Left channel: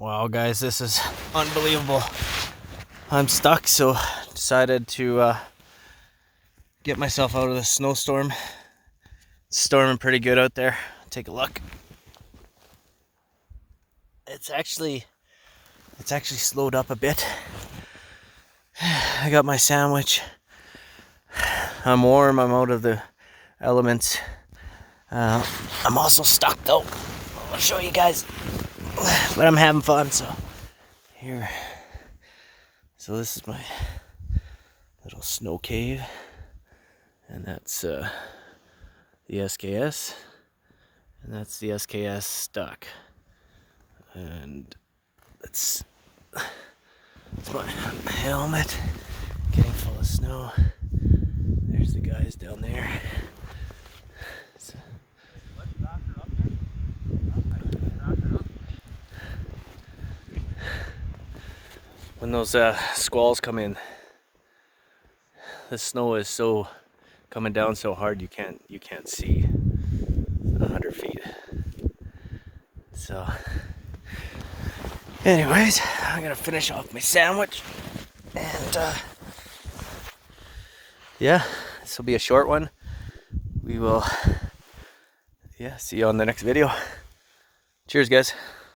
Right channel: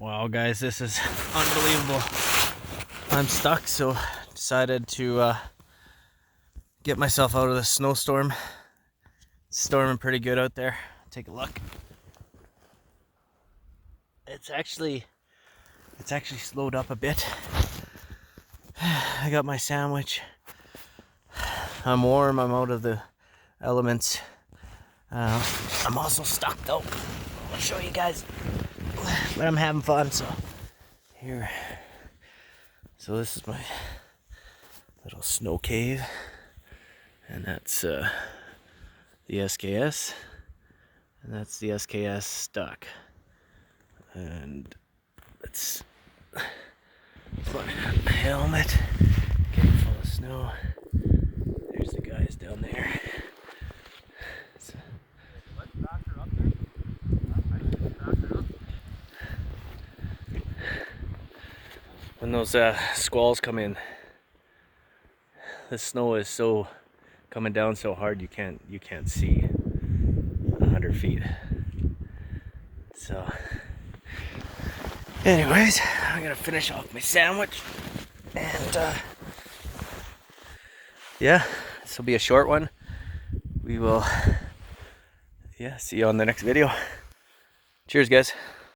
Wow, guys, this is unbelievable. I'm stuck, so decided to get myself out of the snowstorm. It's storming pretty good out there. Take a look. It's actually slowed up a bit. I got my sandwich. I'm warm. I'm out of the elements. I'm also stuck though. I'll show you guys. But I'm having fun, so here. So this is my little snow cave, and that's the SKS, and that's the SKS stuck. And it's my helmet getting full of snow. There's the guys down there. So, when those squalls come in, the snow is so coming down so hard you can't see 100 feet. So anyways, I'm gonna finish off my sandwich, and yeah, this will be a short one. We will see you on the next video. Cheers, guys.